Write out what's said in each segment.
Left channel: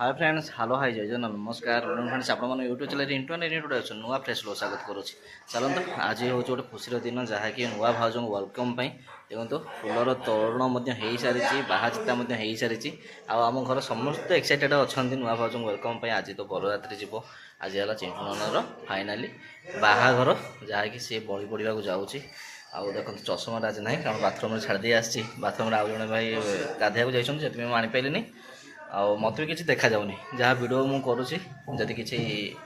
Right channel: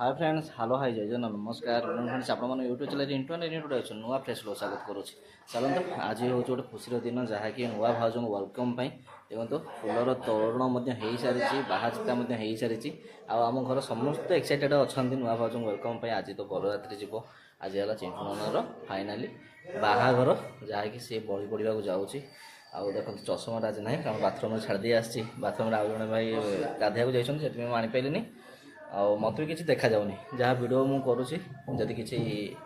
Hi friends hello hi जय जन नमस्कार फ्रेंड्स आप यूट्यूब चैनल इंट्रोडक्शन नुआ फ्रेश लो स्वागत करुच्ची चलते आज हूँ गोटे खुशी दिन जहाँकि नुआ भाज वेलकम देखो फुलर तोरण हो सारी बाहाचिता हो सारी आम घर समस्त एक्साइटेड अच्छा नुआ भाज वेलकम आज तो बरयात्री जीव आज है चिंटू ननर फाइनाली बाहाघर जहाँकि सी बड़ी पड़ा जाऊँगी आउ देखो चषमा आज ना कारण बाथरूम छाड़ी आसी बाथरूम आउ जड़े भाई गाधोक जाती आनीपारे आउ मत भी किसी देखा जाऊनी जहाँ वीडियो मुझे करुँची जदि किसी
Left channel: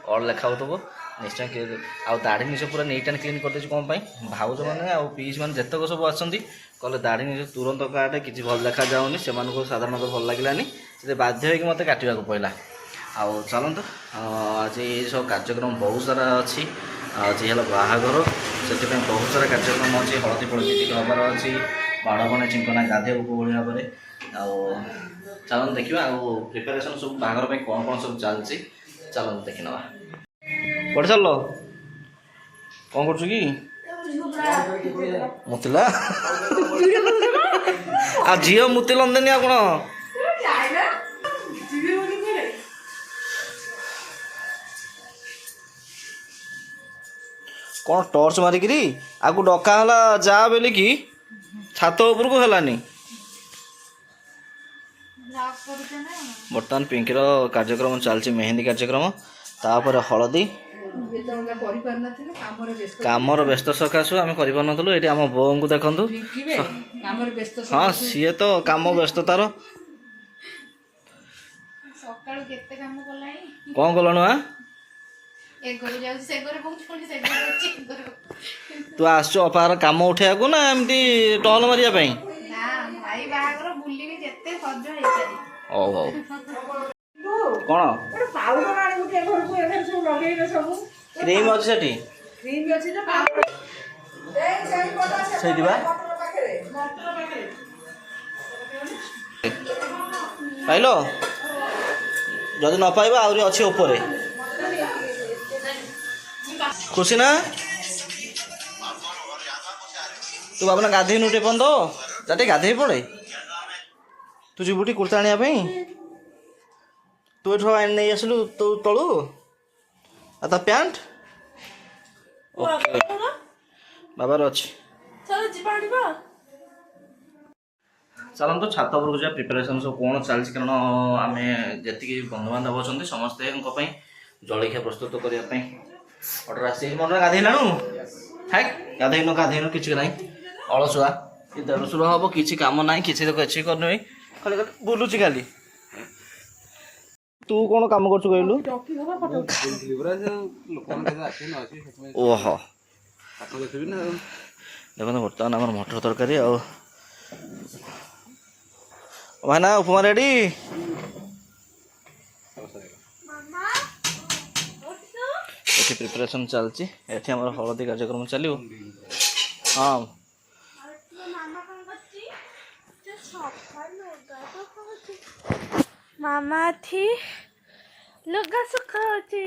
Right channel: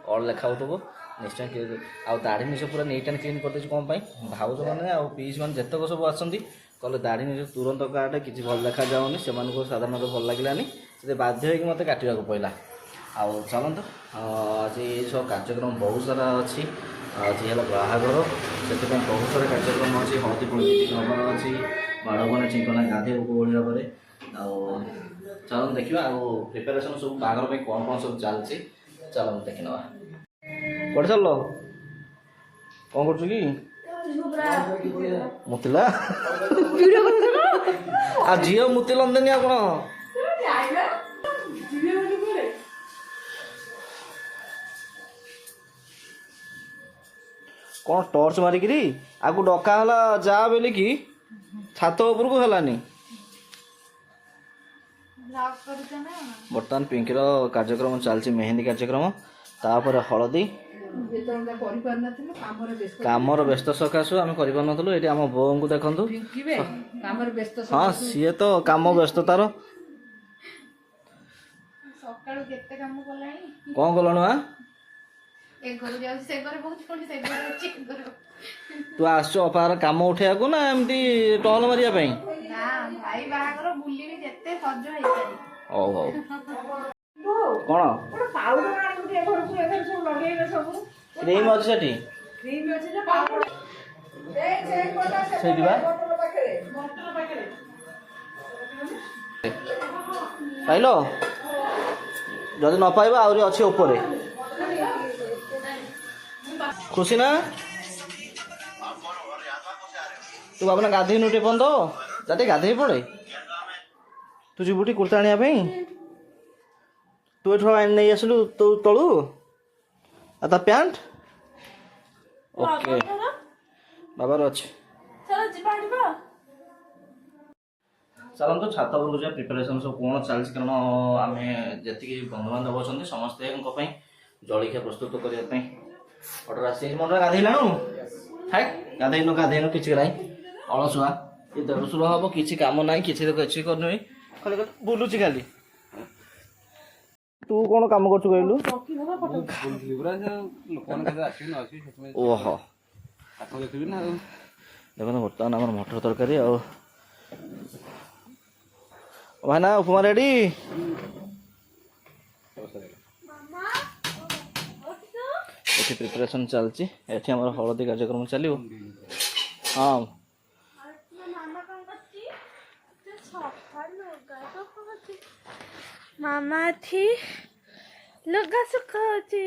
अड़ लेखा हो निश्चय आउ दाढ़ी निज पूरा नीट एंड क्लीन करदे कौन भाउज मैंने आउ पीस मैंने जितक सब आसती कहले दाढ़ी निज तुरंत काटे किसी भल देखा जाऊनी से साधारणतः भल लगे से बाध्य होगी मत काटा पड़ा आउ चलत आज ये सब कार्यक्रम बहुत सारा अच्छी आज है बाहाघर से बहुत सारा कार्यक्रम अच्छी हलदी फलदी हबार अच्छी बाड़ बने चिंकना गाधे उपभोग पर चलन देखा प्रिपेरेसन सब बाहर में कौन कौन सब चलती चलन देखी ना कौटे चल कौन कर मुतिला आ झी मुतिलंदेनी आ कौन कौन टॉर्च मारिकी आगु डकाला जा बोल कि छात उपर को है बर्तमान पिंकीर कार्यक्रम चलती मेहंदी कार्यक्रम तापर हलदी कामर व्यस्त सकाशु आम करूँ ये आम बो को देखु हाँ सी तो कम व्यस्त तार कौन कलु तू आस अपार कम उठा को ना एमती टहल मारे कौन क्रीम अच्छी पाइल जदि न पाइबा आहरी अच्छी ऊपर खुशी ना तू बाबा गाधे नुटे पन तो जाते गाधे पड़े तू जीवटी कुर्ता आने तू नहीं आसलु तो तलू आ पैंट ओके बाबार अच्छे चलते छात उपरको जा प्रिपेरेसन सब कौन चलती कारण आम जी बंधुबांधव अच्छा समस्ते जलखिया प्रस्तुत करने अर्डर आस मन गाधेलु है गाधेन गाधेन कि ना अलसुआ ये देढ़शुर हम किसी कम ना किसी करनी खाली बुलूची खाली तू कौन काम कर कहलु ओहो देखो बर्तमान आम मटर तरकारी भाईना उपमा रेडी ये प्रिपरेशन चलती ये हलदी कार्यक्रम चलो हाँ मामा थी लुगा सुखाउची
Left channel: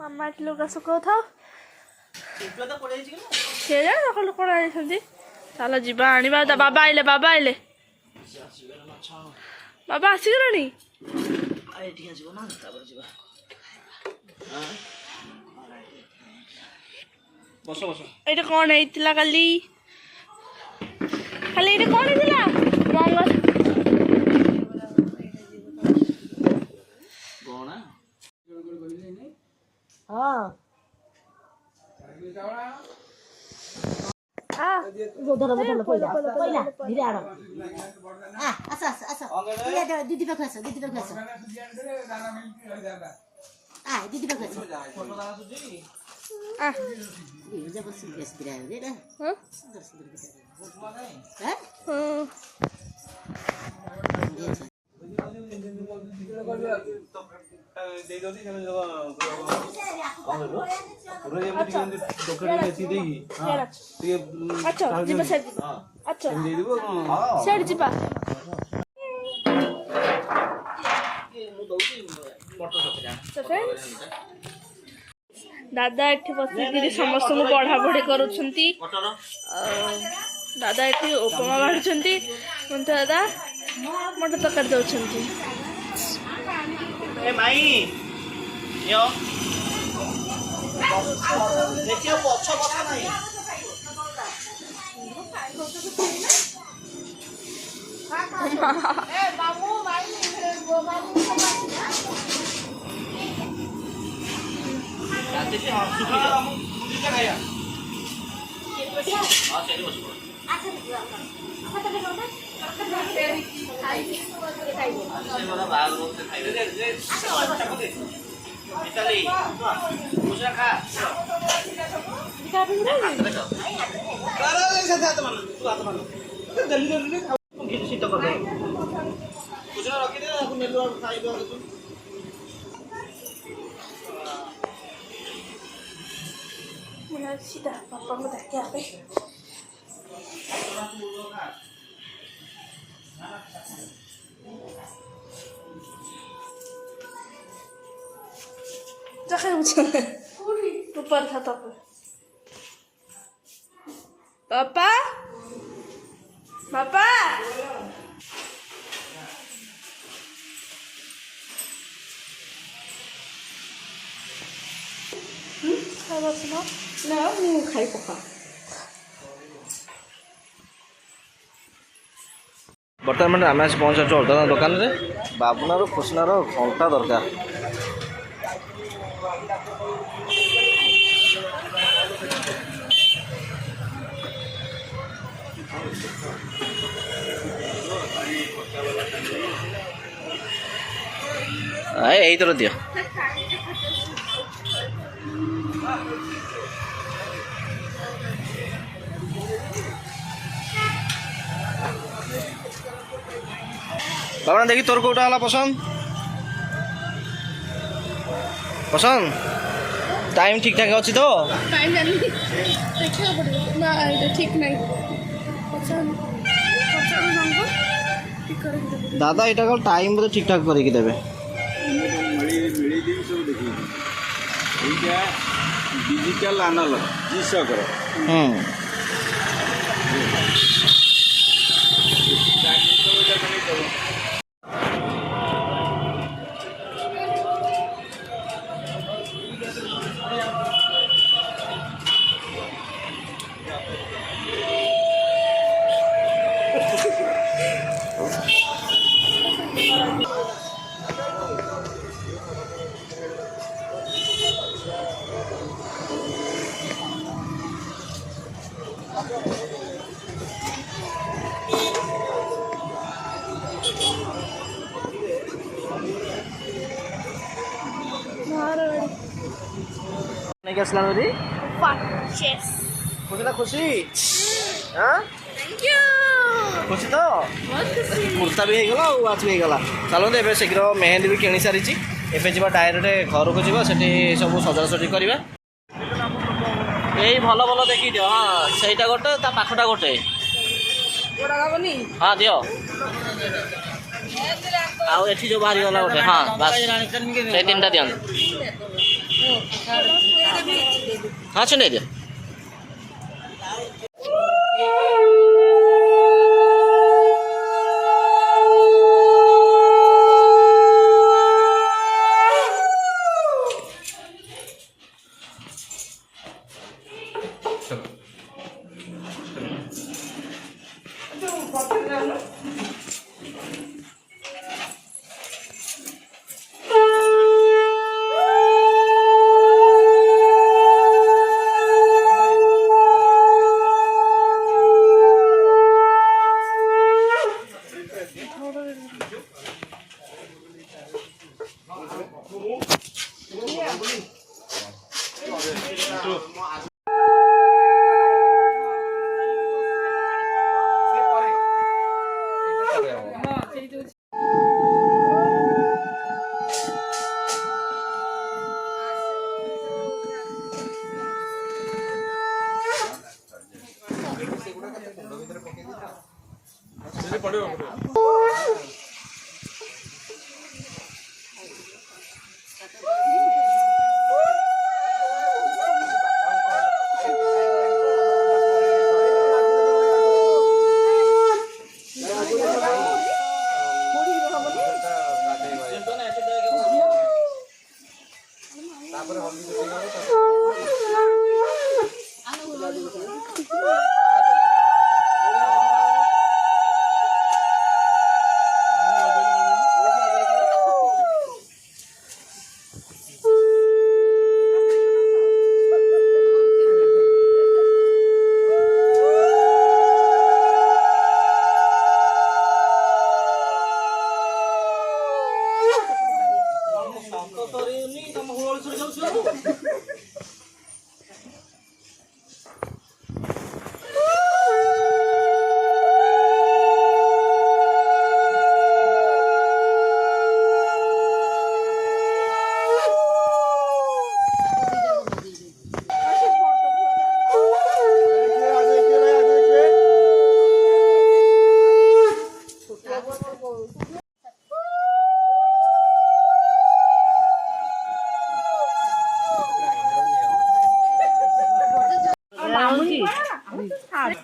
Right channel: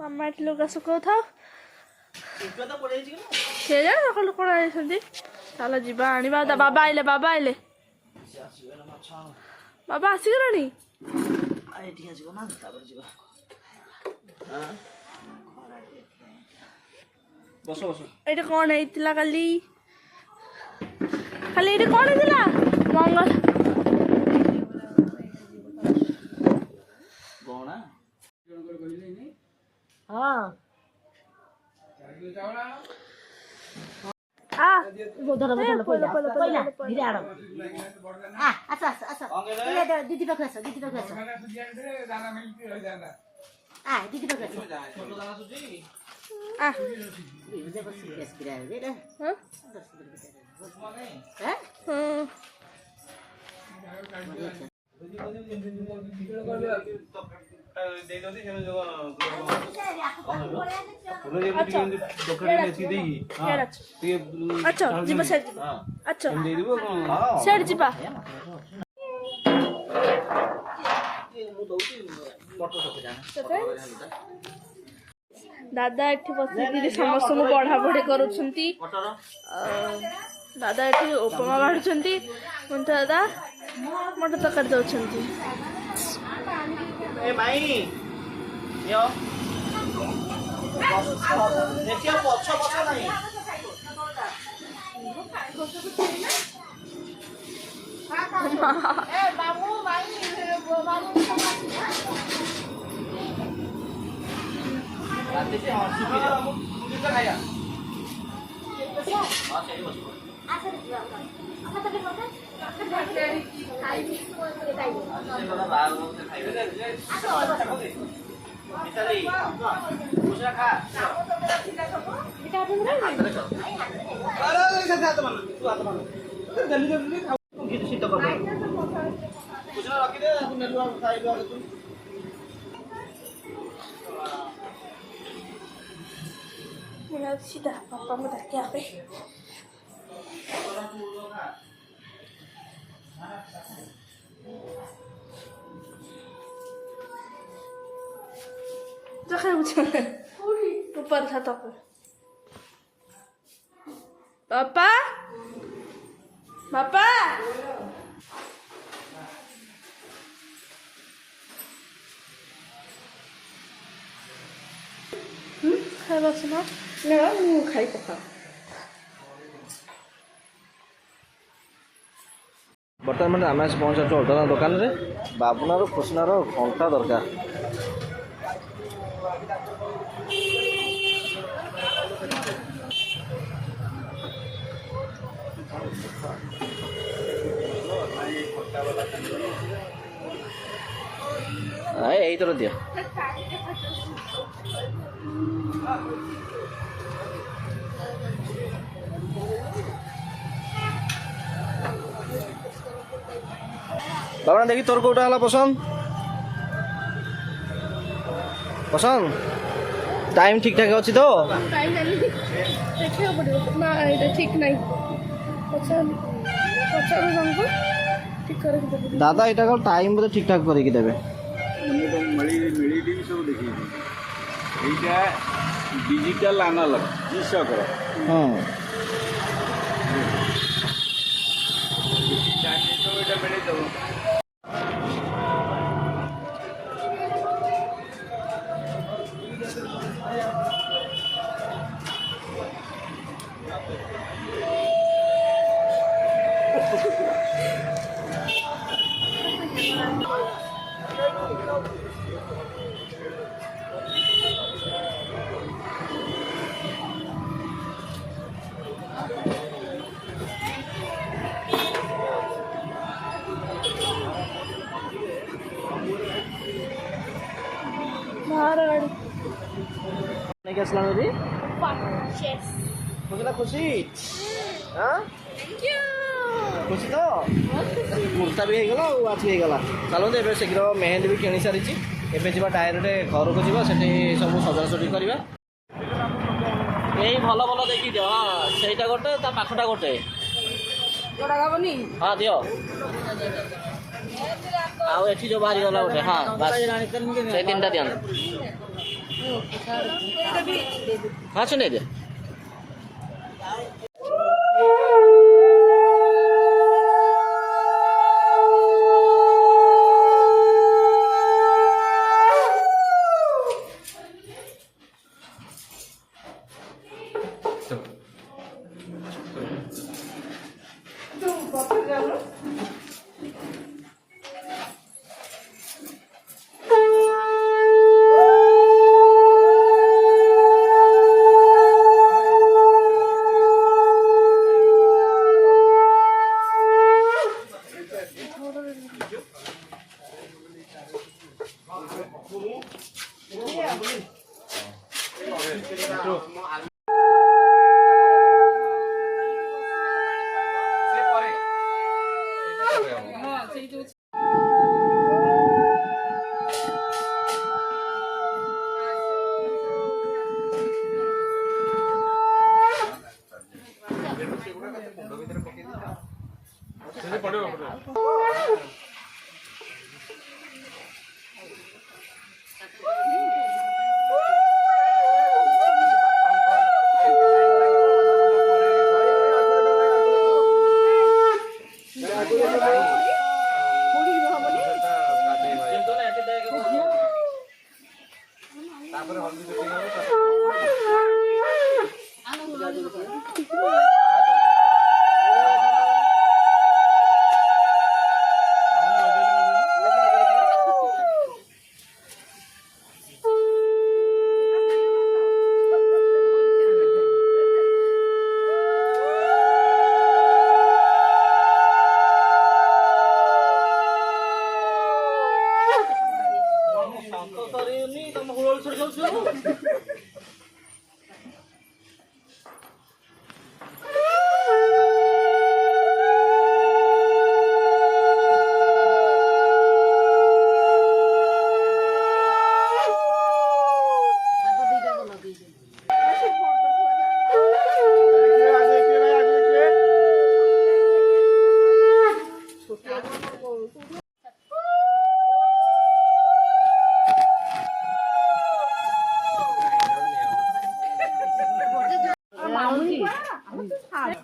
मामा लुगा सुखाउ था सकाल कौन आई चलो जीवा आनिबा बाबा आइले बाबा आसीगलानी ये कौन है काली खाली ये कौन है मंगल हाँ धीरे आड़ दीदी पाख दीदी पाख दीदी अच्छा जीवा अच्छा सेठ जीवा दादा एठी बसिक समस्त पढ़ा पढ़ी करुछंती ଦାଦା ଏଠି ଉପମା ବାଢୁଛନ୍ତି ମନ୍ଟୁ ଦାଦା ମଟର ତରକାରୀ ଦଉଛନ୍ତି। ଏ ମାଇ ଝିଅ ଦେଖିବ ପଛ ପଛ ନାହିଁ। ରାତିରେ ହଁ ଶୁଖିଯାଉ ଖାଇବା ହଁ ସେଇଠି ବସିବ। ବାହାଘର ଖାଇବେ ମିତାଲି ଖୁସିରେ ଖା ଶୀତ କରିଦେବ ଖୁସିରେ ରଖିଦେ ନେଲୁ ଖାଇବା ସିଧା ବାପାଙ୍କୁ ଡାକିବା ପାଇଁ ऊपर था तो पापा पापा ଖାଇବା ସିନା ନା ମୁଁ ଖାଇ ପକା। ବର୍ତ୍ତମାନ ଆମେ ଆସି ପହଞ୍ଚାଛୁ ଅଲଗା ଦୋକାନରେ ବାବୁନାର ଖୁସିନାର ଘଣ୍ଟା ଦରକାର। ଏଇଥର ଦିଅ ବାବୁନା ଦେଖି ତୋର କୋଉଟା ହେଲା ପସନ୍ଦ ପସନ୍ଦ टाइम ठीक ठाक अच्छी तो टाइम देखा पड़ो ना ये ठीक नहीं दादा यहाँ कौन टाइम बोधे ठीक ठाक करके देवे डिजिटल एनालॉग जीसकर नहीं क्या सलाम दी Yes. खुशी ना खुशी हाँ Thank you. खुशी तो बहुत खुशी। कुर्ता भी होगा वाच भी होगा चलो तो ए शीघ्र मेहंदी भी किणी सारी एवं जी डायरेक्ट घर को जीवा से सब सजासजी करवा यही भल भल देखी दियो हाँ सहीटा गोटे ता पाखटा गोटे हाँ दियो आठी जो बाहरी गला गोटे हाँ बस से तीन टा दियन हाँ सुन दियो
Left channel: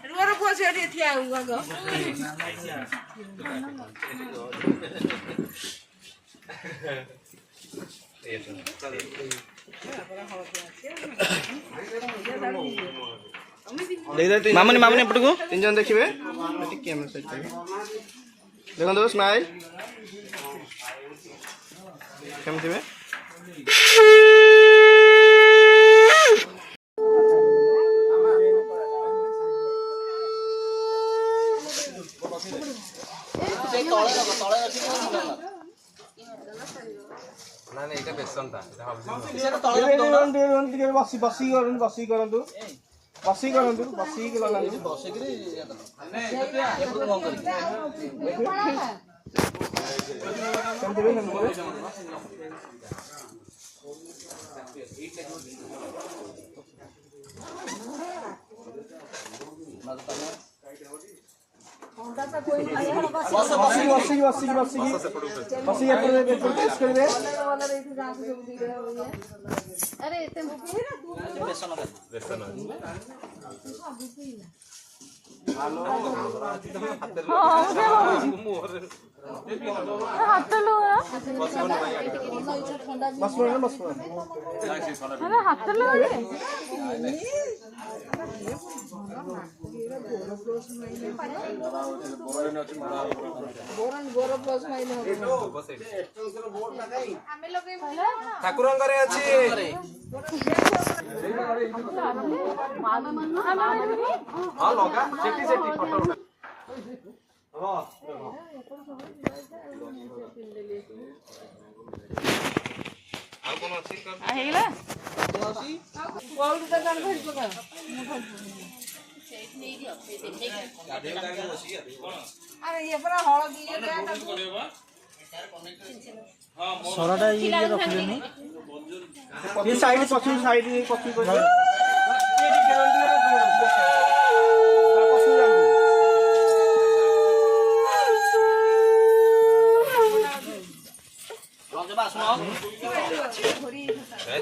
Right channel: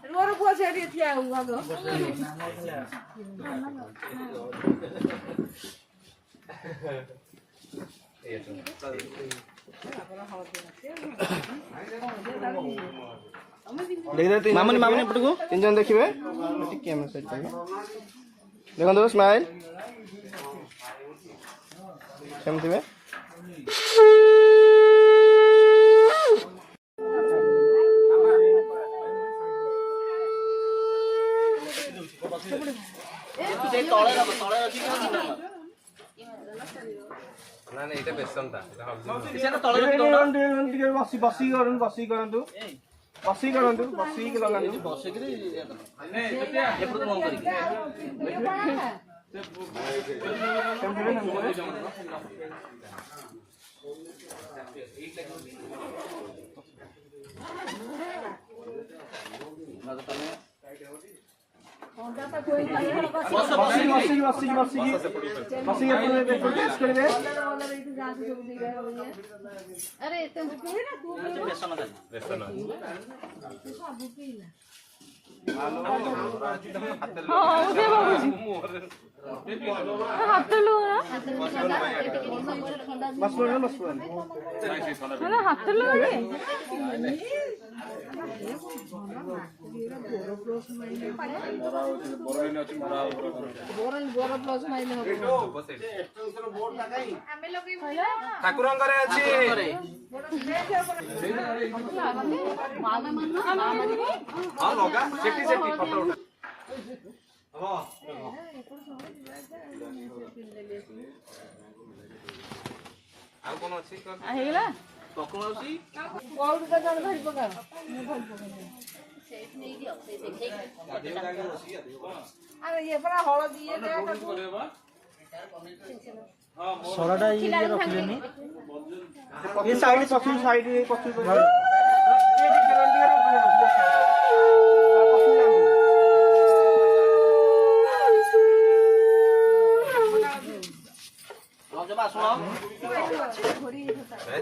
ରୁଆର ପୁଅ ସେଠି ଠିଆ ହୋଇ ଭାଗ ମାମୁନି ମାମୁନି ଏପଟକୁ तीन जन देखिए देखो स्माइल केमती ना नहीं এটা বেসন তা এটা বসি বসি করুন বসি করন্তু বসি করন্তু বসি কি লাগান্তু ବସିକିରି ଏପଟକୁ ମନ କରିକି କେମତି ବେ ଠାକୁରଙ୍କର ଅଛି ହଁ ଲଗା ସେଠି ସେଠି ଫଟୋ ଉଠା ଆଉ କୋନ ଅଛି ହେଇଗଲା କୋନ ଅଛି କୋଉଠି ତ ଜଣ ଧରି ପକା ଆରେ ଇଏ ପରା ହଳଦୀ ଇଏ ସରଟା ଇଏ ରଖିଲେନି ये साइड पछी साइड पछी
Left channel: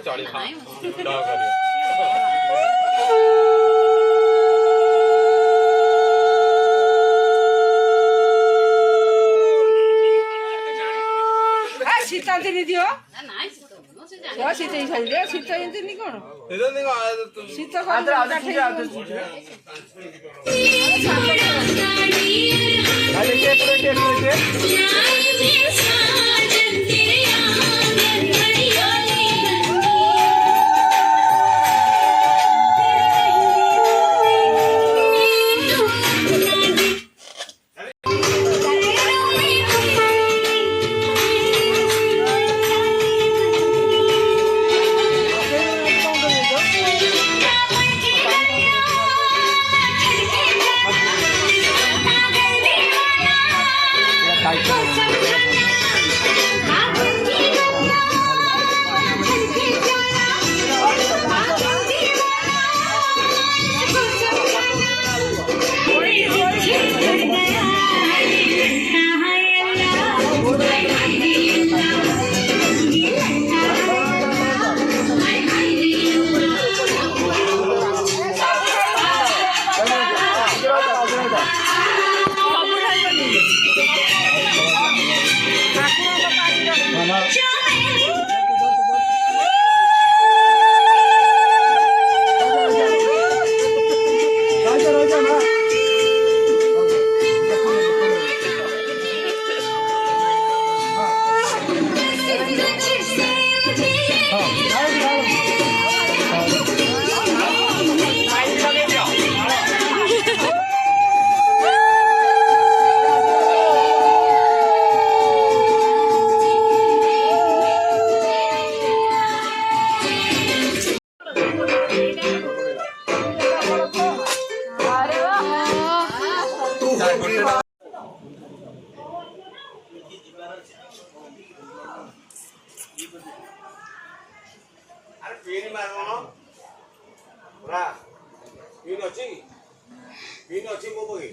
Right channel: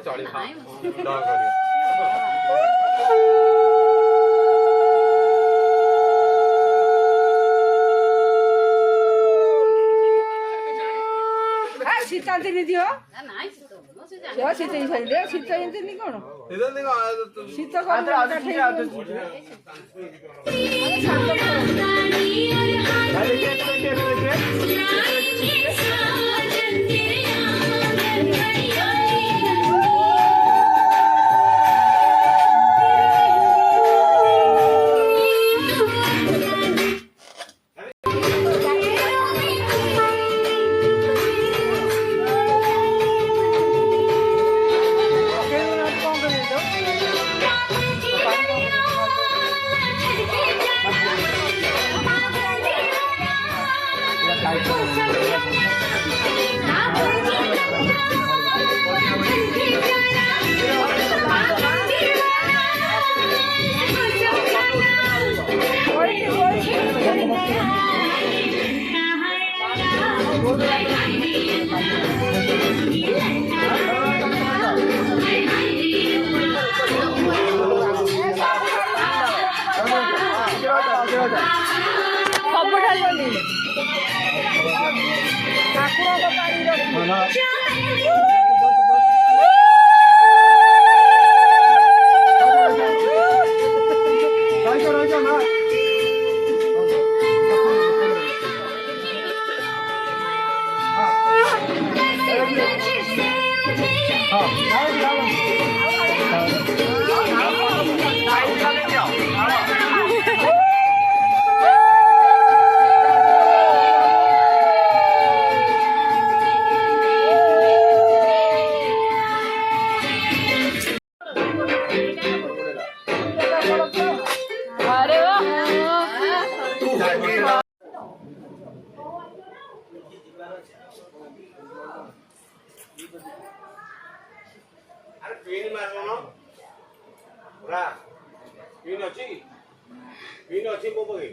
चली ଶୀତ ଦିନ ଦିଅ ଶୀତ ହେଇସାରିଲେ ଶୀତ ହେଇନି କଣ ଶୀତ ପିନ୍ ଅଛି ମୋ ବହି